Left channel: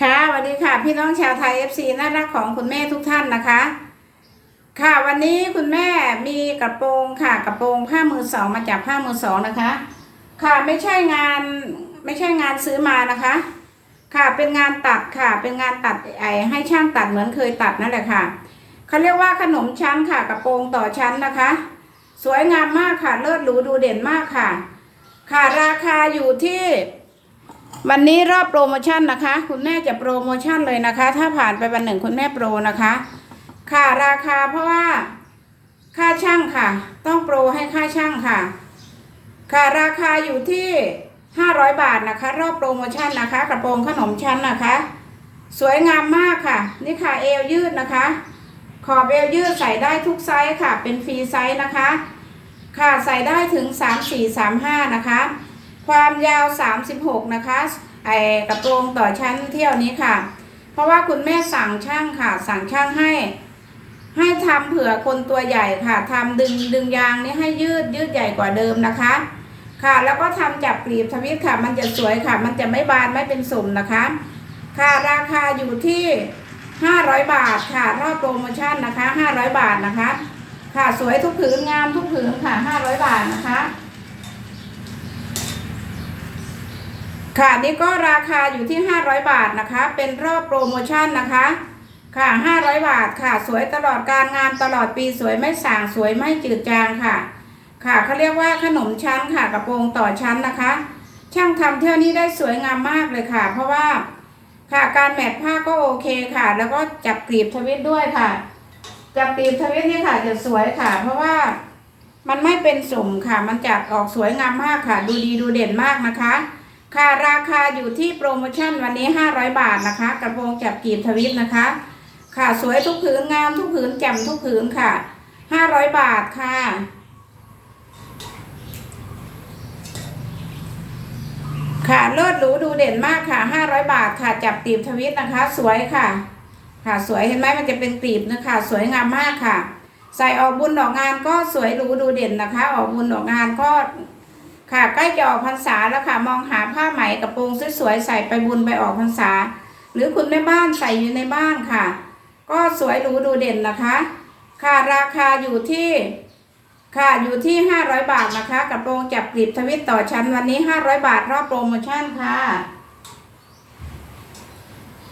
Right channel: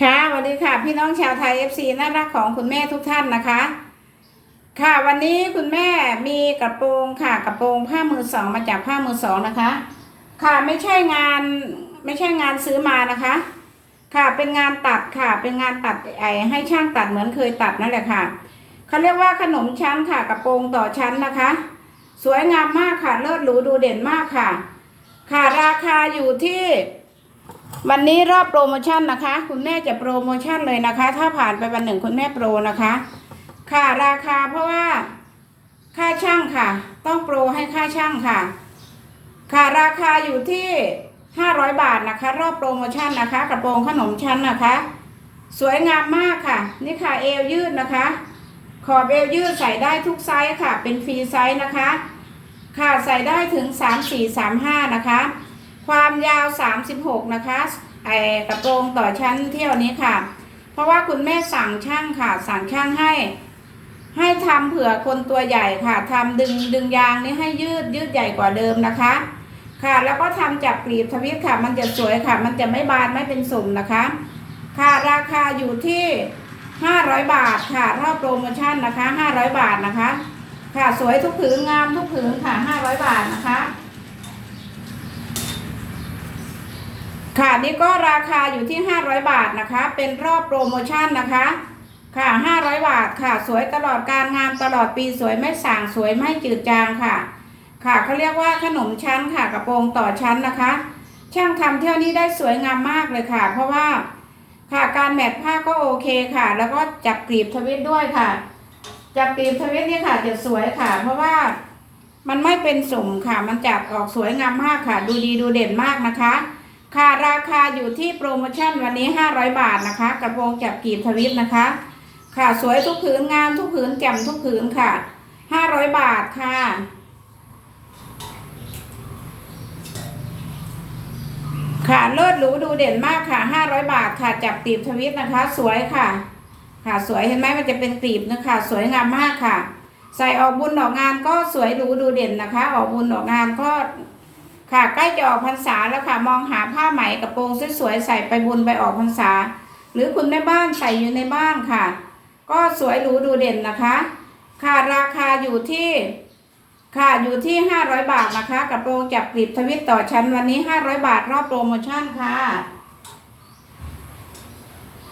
ค่ะสวัสดีค่ะ พี่น้องชาวไทย FC น่ารักของคุณแม่ทุกท่านนะคะ ค่ะวันนี้คุณแม่มีกระโปรงค่ะกระโปรงผ้ามือสองมาจากผ้ามือสองนะคะ ค่ะไม่ใช่งานไม่ใช่งานซื้อมานะคะ ค่ะเป็นงานตัดค่ะ เป็นงานตัดไอให้ช่างตัดเหมือนเคยตัดนั่นแหละค่ะเขาเรียกว่าขนมชั้นค่ะกระโปรงต่อชั้นนะคะ สวยงามมากค่ะเลิศหรูดูเด่นมากค่ะ ค่ะราคาอยู่ที่ วันนี้รอบโปรโมชั่นนะคะ คุณแม่จะโปรโมชั่นเลยนะคะ ถ้าผ่านไปวันหนึ่งคุณแม่โปรนะคะ ค่ะราคาเพราะว่า ค่าช่างค่ะ ต้องโปรให้ค่าช่างค่ะ ค่ะราคาอยู่ที่500บาทนะคะ รอบโปรโมชั่นนะคะ กระโปรงขนมชั้นนะคะ สวยงามมากค่ะ นี่ค่ะเอวยืดนะคะ ขอบเอวยืดใส่ได้ทุกไซส์ค่ะ เป็นฟรีไซส์นะคะ ค่ะใส่ได้ถึง3 4 3 5นะคะ ความยาว 36 นะคะไอกระโปรงต่อชั้นเที่ยวนี้ค่ะ เพราะว่าคุณแม่สั่งช่างค่ะ สั่งช่างให้ ให้ทำเผื่อคนตัวใหญ่ค่ะทำดึงดึงยางนี้ให้ยืดยืดใหญ่กว่าเดิมนะคะ ค่ะ แล้วก็ทำจากกรีบทวิตค่ะ มันจะสวยค่ะ มันจะไม่บานไม่เป็นสุ่มนะคะ ค่ะราคาอยู่ที่500 บาทค่ะรอบโปรโมชั่นนะคะ 500 บาทนะคะ ค่ะสวยทุกผืนงามทุกผืนค่ะ 500 บาทนะคะ ค่ะนี่ก็ราคาอยู่ที่ 500 บาทนะคะ เป็นรอบโปรโมชั่นนะคะ ค่ะ 500 บาทค่ะ สวยตลอดการงานตลอดปีสวยไม่สางสวยไม่จืดจางค่ะ ค่ะเขาเรียกว่าขนมชั้นค่ะกระโปรงต่อชั้นนะคะ ช่างทำเที่ยวนี้ได้สวยงามมากเลยค่ะ เพราะว่าค่ะการแมทผ้าก็โอเคค่ะ แล้วก็จับกรีบทวิตด้วยค่ะ จับกรีบทวิตนี่ค่ะจะสวยค่ะ เพราะว่ามันไม่เป็นสมค่ะ มันจับออกสวยงามมากค่ะ ดูดีดูเด่นมากนะคะ ค่ะราคาอยู่ที่โปรโมชั่นวันนี้ 500 บาทนะคะ กระโปรงจับกีบทวิตนะคะ ค่ะสวยทุกผืนงามทุกผืนแจ่มทุกผืนค่ะ 500 บาทค่ะค่ะเลิศหรูดูเด่นมากค่ะ 500 บาทค่ะจับกรีบทวิตนะคะ สวยค่ะ ค่ะสวยเห็นไหมมันจะเป็นกรีบนะคะ สวยงามมากค่ะ ใส่ออกบุญออกงานก็สวยหรูดูเด่นนะคะ ออกบุญออกงานก็ ค่ะใกล้จะออกพรรษาแล้วค่ะ มองหาผ้าไหมกระโปรงสวยๆใส่ไปบุญไปออกพรรษา หรือคุณแม่บ้านใส่อยู่ในบ้านค่ะ ก็สวยหรูดูเด่นนะคะ ค่ะราคาอยู่ที่ ค่ะอยู่ที่ 500 บาทนะคะกระโปรงจับกลีบทวิตต่อชั้นวันนี้ 500 บาทรอบโปรโมชั่นค่ะ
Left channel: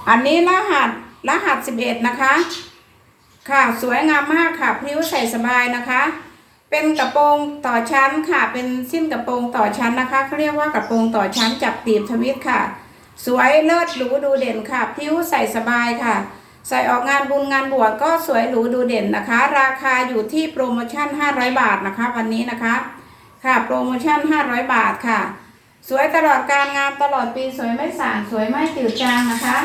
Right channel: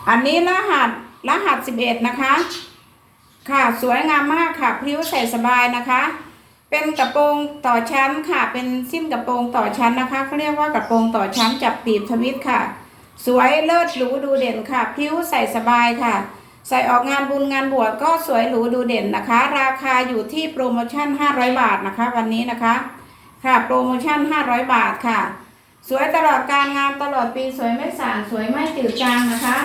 อันนี้รหัสรหัส 11 นะคะ ค่ะสวยงามมากค่ะพริ้วใส่สบายนะคะ เป็นกระโปรงต่อชั้นค่ะ เป็นสิ้นกระโปรงต่อชั้นนะคะเขาเรียกว่ากระโปรงต่อชั้นจับตีบทวิตค่ะ สวยเลิศหรูดูเด่นค่ะพริ้วใส่สบายค่ะ ใส่ออกงานบุญงานบวชก็สวยหรูดูเด่นนะคะ ราคาอยู่ที่โปรโมชั่น 500 บาทนะคะ วันนี้นะคะค่ะ โปรโมชั่น 500 บาทค่ะ สวยตลอดการงานตลอดปีสวยไม่ส่างสวยไม่จืดจางนะคะ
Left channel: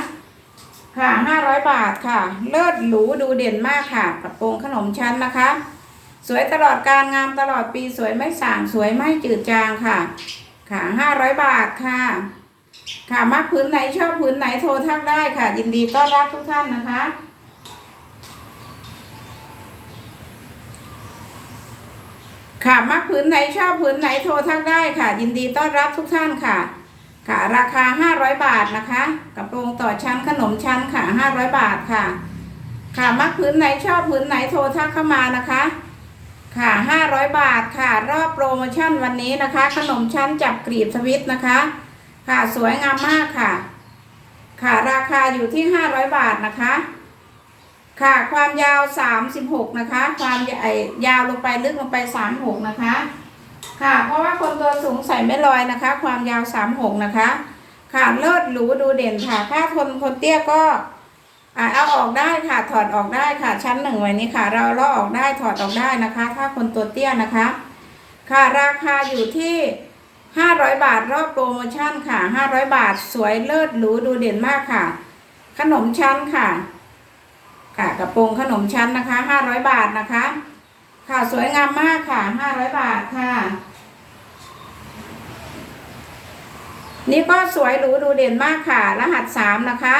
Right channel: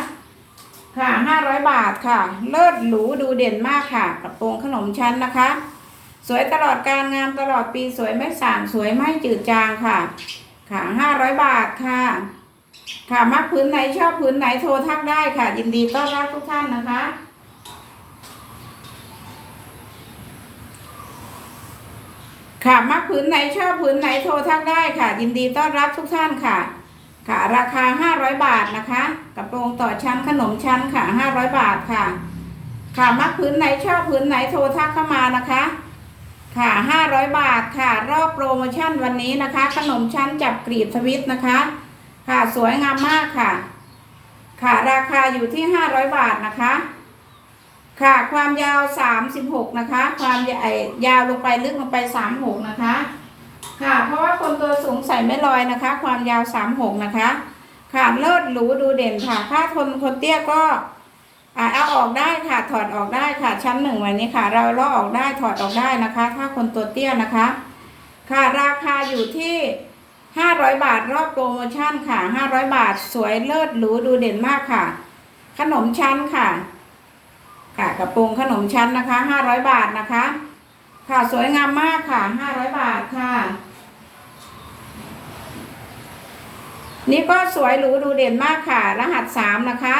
ค่ะ 500 บาทค่ะ เลิศหรูดูเด่นมากค่ะกระโปรงขนมชั้นนะคะ สวยตลอดการงานตลอดปีสวยไม่สางสวยไม่จืดจางค่ะ ค่ะ500บาทค่ะ ค่ะมักพื้นไหนชอบพื้นไหนโทรทักได้ค่ะ ยินดีต้อนรับทุกท่านนะคะค่ะมักพื้นไหนชอบพื้นไหนโทรทักได้ค่ะ ยินดีต้อนรับทุกท่านค่ะ ค่ะ ราคา 500 บาทนะคะกระโปรงต่อชั้นขนมชั้นค่ะ 500 บาทค่ะ ค่ะมักพื้นไหนชอบพื้นไหนโทรทักเข้ามานะคะ ค่ะ 500 บาทค่ะ รอบโปรโมชั่นวันนี้นะคะ ขนมชั้นจับกรีบสวิตนะคะ ค่ะสวยงามมากค่ะ ค่ะราคาอยู่ที่ 500 บาทนะคะ ค่ะความยาว 36 นะคะ ความใหญ่ยาวลงไปลึกลงไป 36 นะคะ ค่ะ เพราะว่าคนตัวสูงใส่ไม่ลอยนะคะ ความยาว 36 นะคะ ค่ะเลิศหรูดูเด่นค่ะ ถ้าคนคนเตี้ยก็ อ่าเอาออกได้ค่ะ ถอดออกได้ค่ะ ชั้นหนึ่งไว้นี้ค่ะ เราเลาะออกได้ถอดออกได้นะคะ ถ้าคนตัวเตี้ยนะคะ ค่ะราคาอยู่ที่500บาทรอบโปรโมชั่นค่ะ500บาทสวยเลิศหรูดูเด่นมากค่ะ ขนมชั้นค่ะ ค่ะกระโปรงขนมชั้นนะคะ500บาทนะคะ ค่ะสวยงามมากค่ะ500บาทค่ะ นี่ก็สวยหรูดูเด่นมากค่ะ รหัส3นะคะ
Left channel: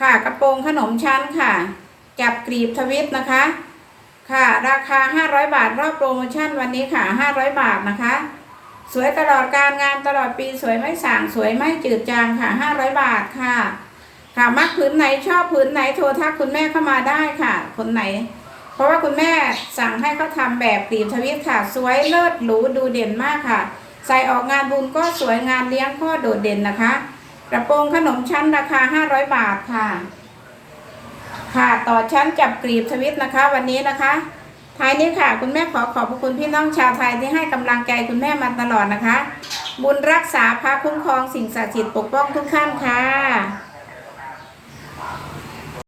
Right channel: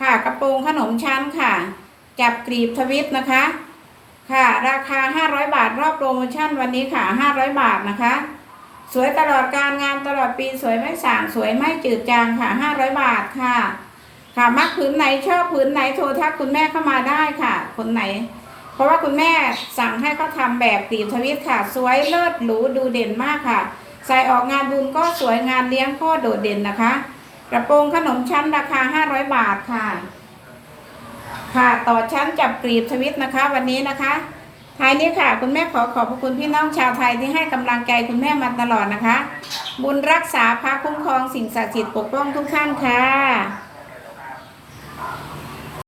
ค่ะกระโปรงขนมชั้นค่ะ จับกรีบทวิตนะคะ ค่ะราคา 500 บาทรอบโปรโมชั่นวันนี้ค่ะ 500 บาทนะคะ สวยตลอดการงานตลอดปีสวยไม่ส่างสวยไม่จืดจางค่ะ 500 บาทค่ะ ค่ะมักผืนไหนชอบผืนไหนโทรทักคุณแม่เข้ามาได้ค่ะ คนไหน เพราะว่าคุณแม่สั่งให้เขาทำแบบปีทวิตค่ะ สวยเลิศหรูดูเด่นมากค่ะ ใส่ออกงานบุญก็สวยงานเลี้ยงก็โดดเด่นนะคะ ระโปรงขนมชั้นราคา 500 บาทค่ะ ค่ะต่อชั้นจับกรีบทวิตนะคะ วันนี้นะคะท้ายนี้ค่ะ คุณแม่ขอขอบพระคุณพี่น้องชาวไทยที่ให้กำลังใจคุณแม่มาตลอดนะคะ บุญรักษาพระคุ้มครองสิ่งศักดิ์สิทธิ์ปกป้องทุกท่านค่ะ